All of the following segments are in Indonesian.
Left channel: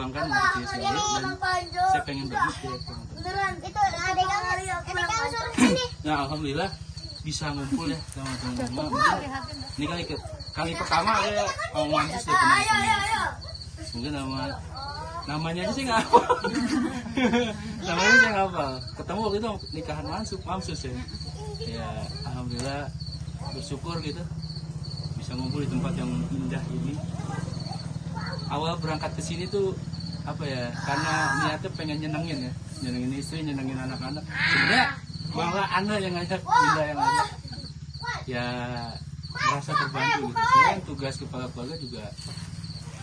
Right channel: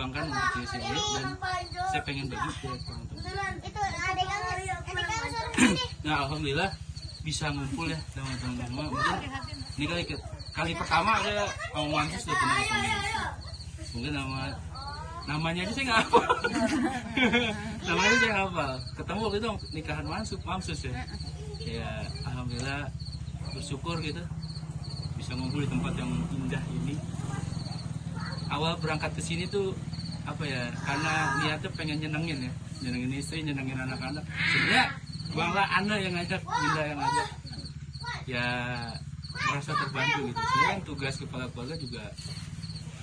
Bangkan untuk diri saya dan saya pengen bagi ke teman-teman. Nah, alhamdulillah bisa ngumpul ya sama teman-teman. Mungkin ini kali pertama saya mau Mamsus sudah pernah ketemu. Mungkin namanya aja saya nggak hafal. Namanya saya nggak hafal. Ketemu waktu itu nikahan Mamsus ya. Ya alhamdulillah bersyukur gitu bisa ngumpul di tempat yang indah ini. Awal berangkat ke sini tuh apa ya, karena niatnya pengen nyenengin istri, nyenengin anak-anak. Sebenarnya malah Anda yang ngajak, Indah yang ngajak. Ya merasa terbantu gitu. Sebenarnya tugas kepala keluarga juga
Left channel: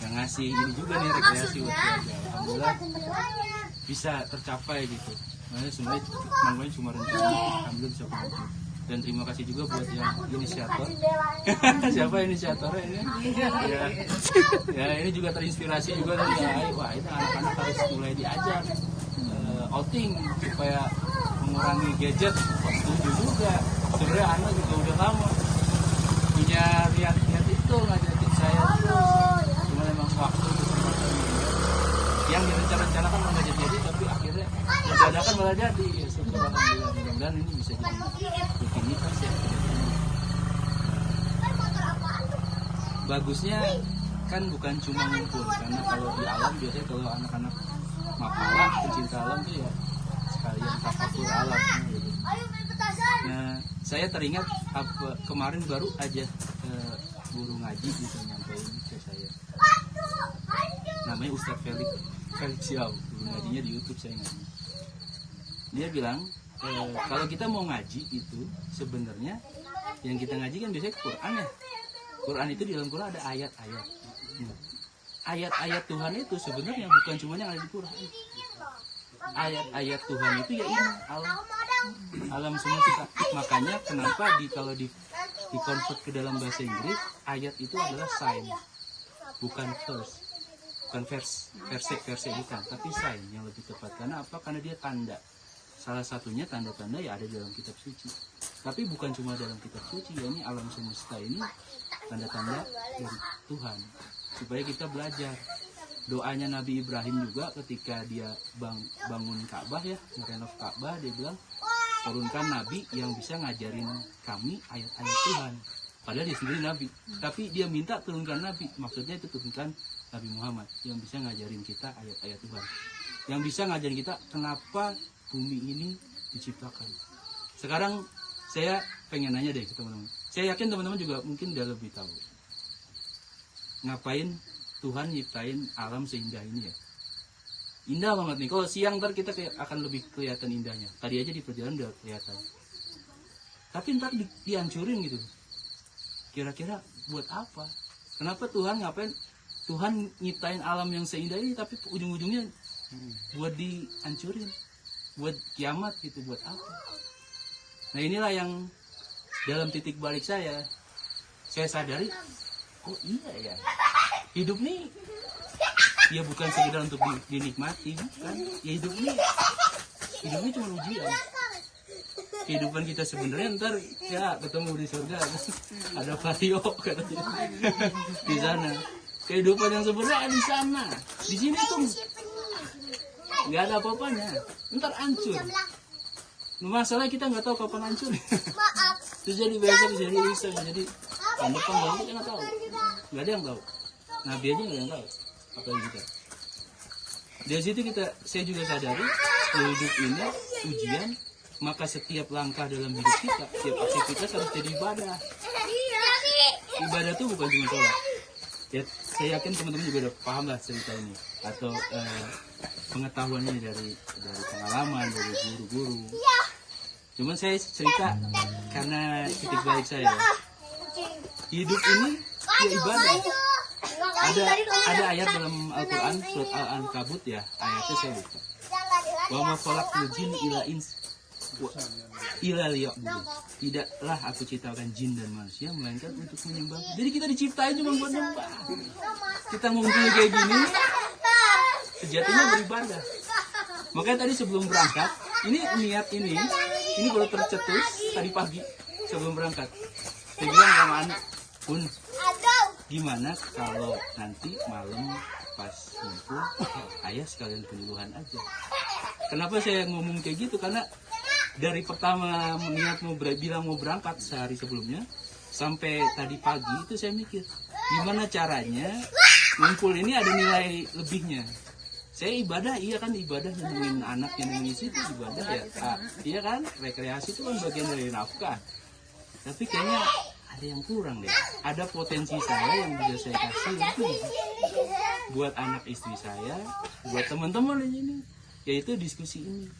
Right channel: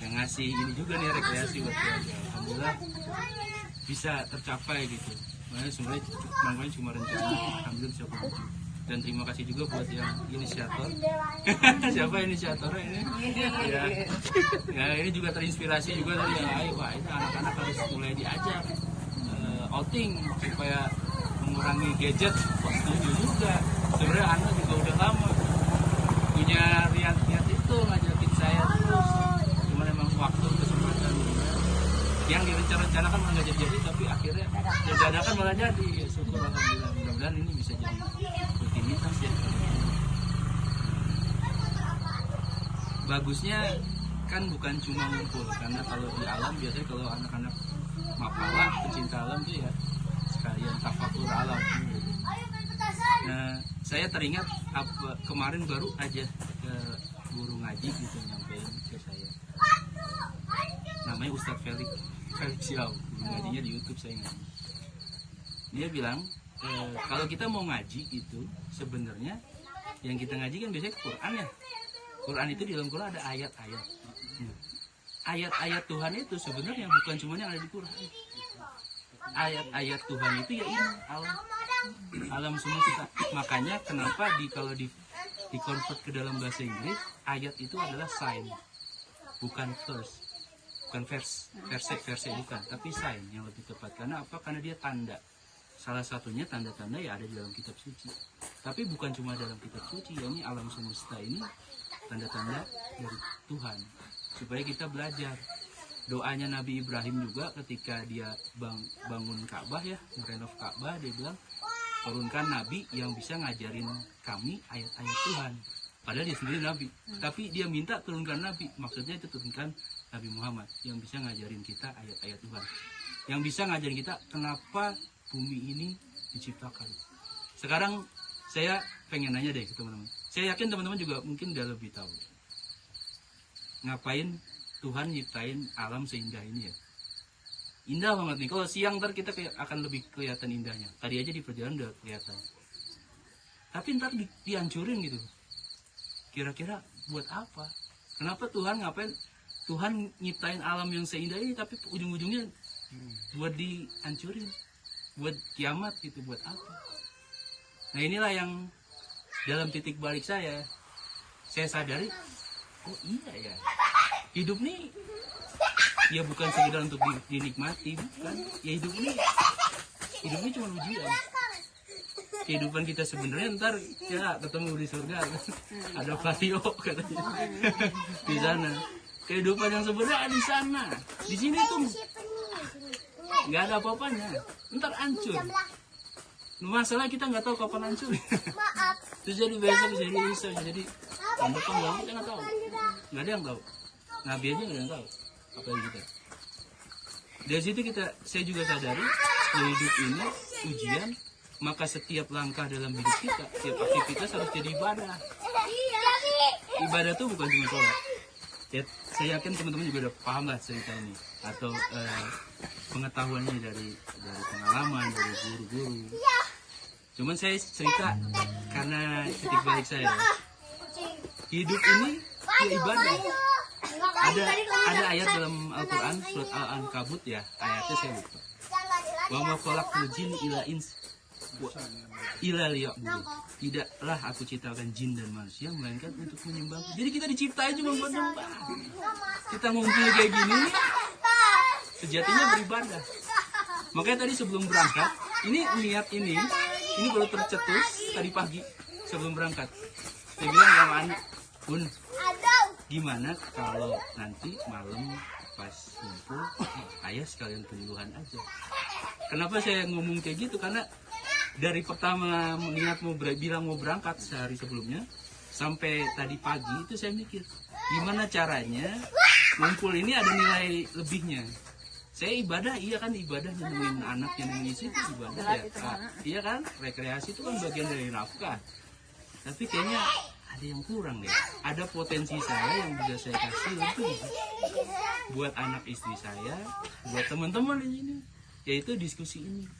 yang ngasih ini juga nih, rekreasi buat keluarga. Alhamdulillah bisa tercapai gitu. Makanya sebenarnya namanya cuma rencana, alhamdulillah bisa kumpul. Dan terima kasih juga buat yang inisiator. Siapa inisiatornya ini? Ya ini juga terinspirasi juga dari wah ini anak-anak harus mulai diajak outing supaya mengurangi gadget. Wah setuju juga. Sebenarnya anak juga udah lama punya lihat itu ngajakin saya terus. Cuma memang waktu kesempatan yang direncanakan malah jadi, tapi akhirnya dadakan malah jadi. Syukur alhamdulillah, mudah-mudahan ini bisa jadi rutinitas ya. Bagusnya kan bukan cuma ngumpul, karena kalau di alam biasanya kalau anak-anak mapala pencinta alam tuh ya sekalian tafakur alam gitu. Nah saya teringat kemarin baru aja guru ngaji gitu nyampein ke saya, namanya Ustadz Felix Yao, ngajinya di YouTube saya ngaji. Dia bilang kalau kita mau ngaji itu sebenarnya yang kita ngaji kan biasanya Quran ya. Quran itu di dalam Quran ada ayat-ayat. Ayat-ayat Tuhan itu sebenarnya bukan cuma yang ada di Quran. Ayat-ayat Tuhan itu ya ini alam semesta. Makanya kenapa kalau di convert ke dalam bahasa Inggris ayat itu adalah sign, bukan verse. Bukan verse bukan, tapi sign yang lebih tepat. Karena apa? Karena dia tanda. Salah satunya tanda-tanda ya ada di dalam kitab suci. Tapi bukan cuma dalam kitab suci, ya ini alam semesta ini tanda-tanda dari Tuhan. Supaya kita belajar. Doanya Nabi Ibrahim juga ketika dia bangun Ka'bah ya, merenov Ka'bah, dia bilang turunkan Nabi yang bisa ngajarin kami ayat-ayat Tuhan. Padahal dia sendiri Nabi, tapi dia minta turunkan Nabi, maksudnya itu turunkan Nabi Muhammad yang bisa ngajarin kita ayat-ayat Tuhan, yang bisa ngajarin kita kenapa bumi ini diciptakan. Sekarang saya pengen nanya deh ke teman-teman, saya yakin teman-teman juga mungkin udah lebih tahu ngapain Tuhan nyiptain alam seindah ini ya. Indah banget nih, kalau siang ntar kita akan lebih kelihatan indahnya. Tadi aja di perjalanan udah kelihatan, tapi ntar dihancurin gitu. Kira-kira buat apa? Kenapa Tuhan ngapain? Tuhan nyiptain alam yang seindah ini tapi ujung-ujungnya buat dihancurin, buat kiamat gitu, buat apa? Nah inilah yang dalam titik balik saya sadari, oh iya ya, hidup nih ya bukan sekedar untuk dinikmati, bukan. Ya hidup ini cuma ujian. Kehidupan kita sebenarnya ntar ya ketemu di surga, ada Vario katanya di sana. Kehidupan yang sebenarnya di sana, di sini tuh nggak ada apa-apanya, ntar hancur. Masalah kita nggak tahu kapan hancur. Terus jadi besok, jadi lusa, jadi tahun depan kita nggak tahu, nggak ada yang tahu. Nabi aja nggak ada yang tahu apa yang kita. Dari situ saya juga sadari hidup ini ujian. Maka setiap langkah dalam hidup kita, setiap aktivitas harus jadi ibadah. Ibadah itu bukan cuma sholat. Ya, saya yakin teman-teman juga udah paham lah cerita ini, atau pengetahuannya dari pengalaman, dari guru-guru. Cuman saya cerita karena titik balik saya. Hidup ini ya ibadah. Ada ayat dalam Al-Quran, surat Al-Ankabut ya, ayatnya saya lupa. Wa ma khalaqtul jinna illa ins ila liya'budun. Tidaklah aku ciptakan jin dan manusia melainkan untuk menyembah. Jadi kita diciptain cuma buat nyembah. Kita ngumpul kayak gini sejatinya beribadah. Makanya tadi sebelum berangkat, ini niat ini baru tercetus tadi pagi sebelum berangkat. Saya bilang sama Ani, Pun, gimana kalau nanti malam pas ngumpul ayah sekalian keluluhan aja. Kenapa saya ngomong kayak gitu? Karena dari pertama niat bilang mau berangkat sehari sebelumnya sampai tadi pagi itu saya mikir gimana caranya ngumpul ini ada nilai lebihnya. Saya ibadah, iya kan, ibadah nemuin anak yang nangis itu ibadah ya. Iya kan, rekreasi itu kan bagian dari nafkah. Tapi kayaknya ada yang kurang deh. Ada potensi saya yang bisa saya kasih lebih buat anak istri saya, buat teman-teman di sini, yaitu diskusi ini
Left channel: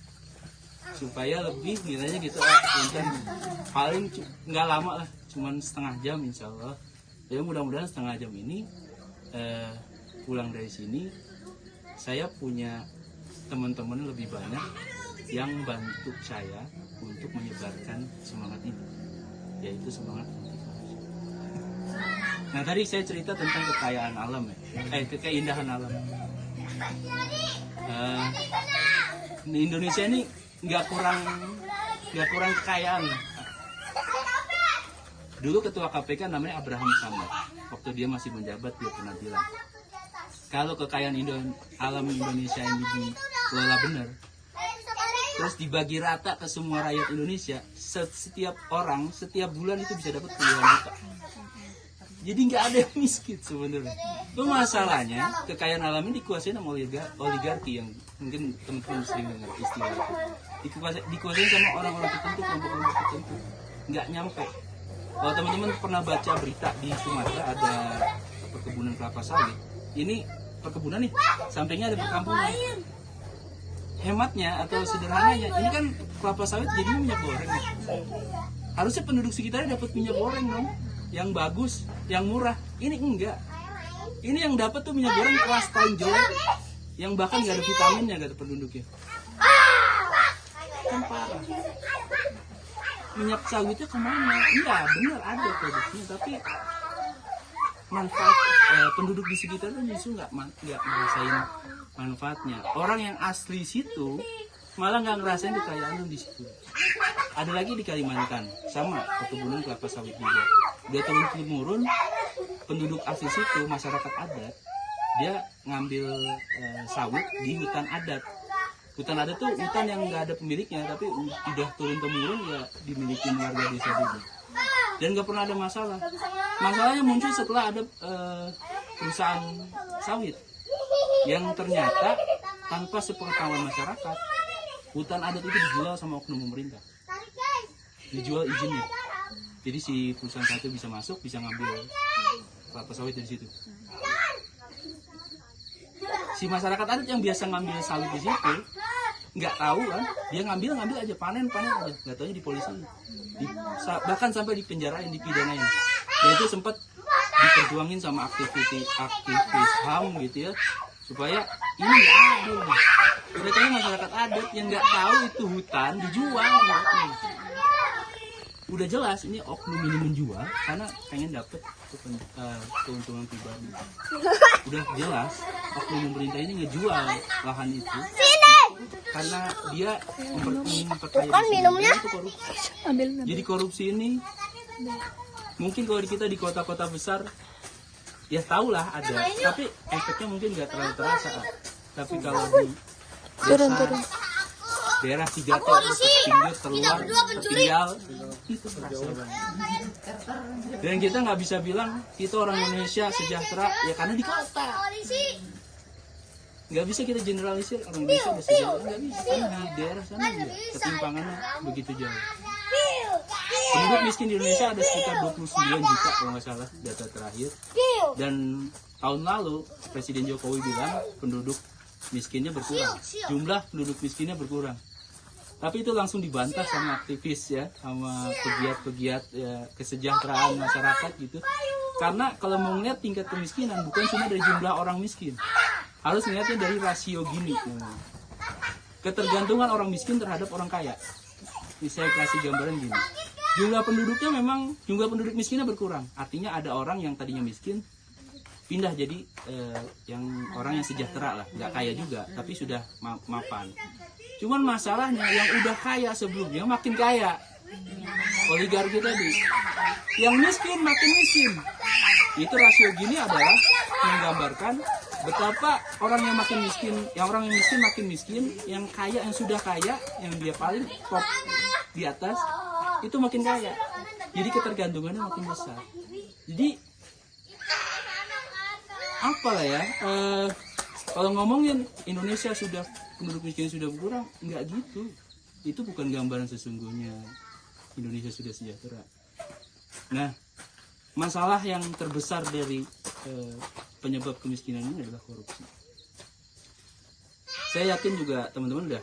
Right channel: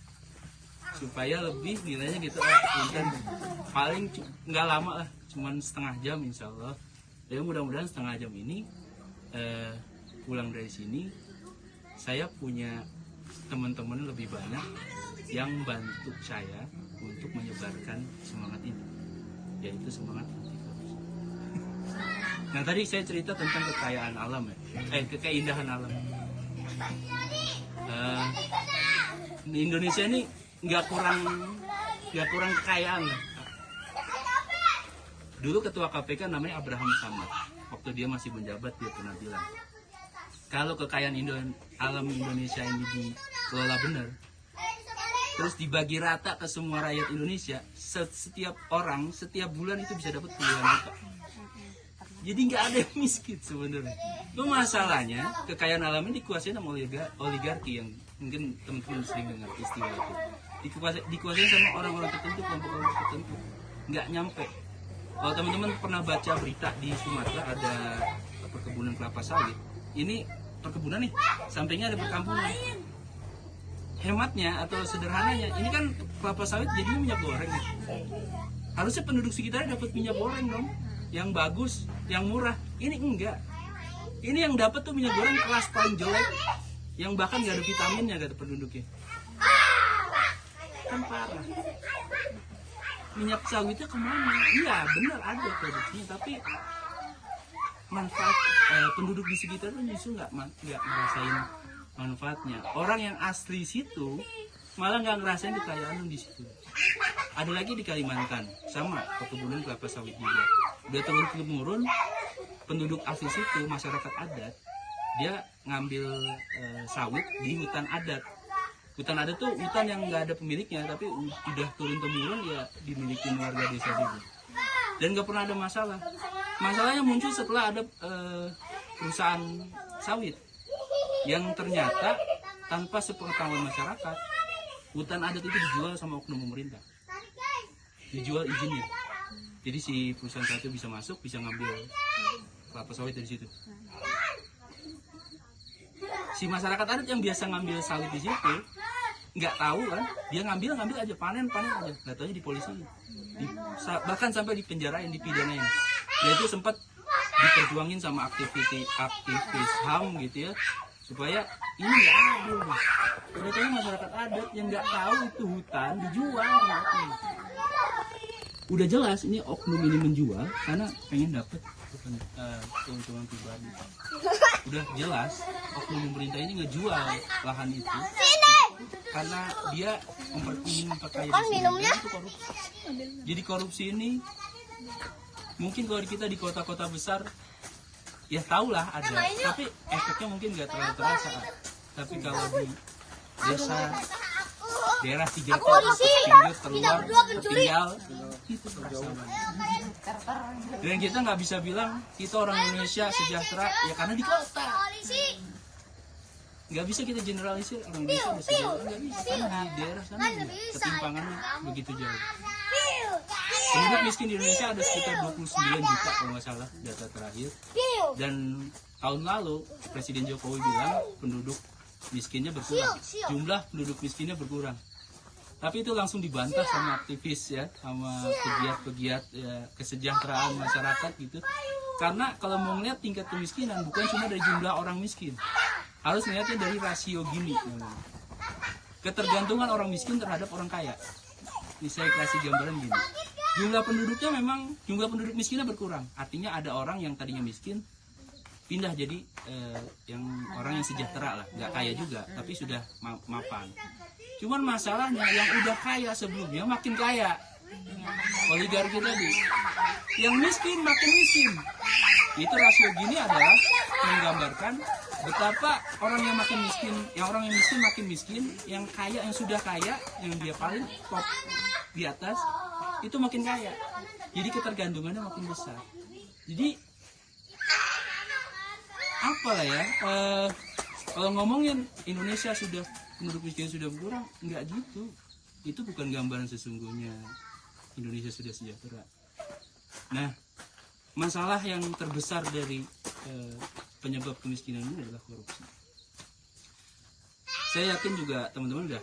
supaya lebih nilainya gitu. Mungkin paling nggak lama lah, cuman setengah jam insya Allah. Ya mudah-mudahan setengah jam ini pulang dari sini saya punya teman-teman lebih banyak yang bantu saya untuk menyebarkan semangat ini, yaitu semangat anti korupsi. Nah tadi saya cerita tentang kekayaan alam ya, keindahan alam. Di Indonesia ini nggak kurang kekayaan. Dulu ketua KPK namanya Abraham Samad. Waktu dia masih menjabat dia pernah bilang, kalau kekayaan alam Indonesia ini dikelola benar, terus dibagi rata ke semua rakyat Indonesia, setiap orang setiap bulan itu bisa dapat puluhan juta. Jadi nggak ada yang miskin sebenarnya. Itu masalahnya kekayaan alam ini dikuasai sama oligarki yang mungkin teman-teman sering dengar istilah itu. Dikuasai sama orang-orang tertentu, kelompok-kelompok tertentu. Nggak nyampe. Kalau teman-teman pernah baca berita di Sumatera ada perkebunan kelapa sawit. Ini perkebunan nih, sampingnya ada perkampungan. Hematnya atau sederhananya, ini kan kelapa sawit jadinya minyak goreng. Harusnya penduduk sekitarnya dapat minyak goreng dong, yang bagus, yang murah. Ini enggak. Ini yang dapat tuh minyak goreng kelas paling jelek, yang bahkan nggak ada vitaminnya kata penduduknya. Kan parah. Minyak sawitnya kemana? Iya benar ada produksinya, tapi manfaat penduduk di sekitar itu justru nggak ngerasain manfaatnya. Orang yang asli situ malah nggak ngerasain kekayaan di situ. Ada lagi di Kalimantan, sama perkebunan kelapa sawit juga. Udah turun-temurun penduduk asli situ, masyarakat adat, dia ngambil sawit di hutan adat. Hutan adat tuh hutan yang nggak ada pemiliknya, tapi udah turun-temurun ya dimiliki warga desa itu. Dan nggak pernah ada masalah. Masalahnya muncul setelah ada perusahaan sawit yang ternyata tanpa sepengetahuan masyarakat, hutan adat itu dijual sama oknum pemerintah, dijual izinnya. Jadi si perusahaan satu bisa masuk, bisa ngambil kelapa sawit dari situ. Si masyarakat adat yang biasa ngambil sawit di situ nggak tahu kan, dia ngambil aja, panen aja, nggak tahunya di polisi, bahkan sampai dipenjarain, dipidanain. Dan itu sempat diperjuangin sama aktivis HAM gitu ya, supaya ini nggak adil. Ternyata masyarakat adat yang nggak tahu itu hutan dijual. Udah jelas ini oknum ini menjual karena pengen dapat keuntungan pribadi. Udah jelas oknum pemerintah ini ngejual lahan itu karena dia memperkaya itu korupsi. Jadi korupsi ini mungkin kalau kita di kota-kota besar ya tahulah ada, tapi efeknya mungkin nggak terlalu terasa. Tapi kalau di desa, daerah 3T, pinggir, terluar, tertinggal, itu terasa banget. Dan kita nggak bisa bilang kita orang Indonesia sejahtera ya karena di kota. Nggak bisa kita generalisir orang Indonesia ada sejahtera, nggak bisa, karena di daerah sana enggak, ketimpangannya begitu jauh. Penduduk miskin di Indonesia ada sekitar 29 juta kalau nggak salah data terakhir. Dan tahun lalu Presiden Jokowi bilang penduduk miskinnya berkurang, jumlah penduduk miskinnya berkurang. Tapi itu langsung dibantah sama aktivis ya, sama pegiat-pegiat ya, kesejahteraan masyarakat gitu. Karena kalau mau ngeliat tingkat kemiskinan bukan cuma dari jumlah orang miskin, harus ngeliatnya dari rasio gini. Ketergantungan orang miskin terhadap orang kaya. Ini saya kasih gambaran gini. Jumlah penduduknya memang, jumlah penduduk miskinnya berkurang. Artinya ada orang yang tadinya miskin pindah jadi yang orang yang sejahtera lah, nggak kaya juga, tapi sudah mapan. Cuman masalahnya yang udah kaya sebelumnya makin kaya. Oligarki tadi, yang miskin makin miskin. Itu rasio gini adalah menggambarkan betapa orang yang makin miskin, orang yang miskin makin miskin, yang kaya, yang sudah kaya, yang dia paling top di atas itu makin kaya. Jadi ketergantungannya makin besar. Jadi apalah ya, kalau ngomongin Indonesia sudah penduduk miskin sudah berkurang, nggak gitu. Itu bukan gambaran sesungguhnya Indonesia sudah sejahtera. Nah, masalah yang terbesar dari penyebab kemiskinan ini adalah korupsi. Saya yakin juga teman-teman udah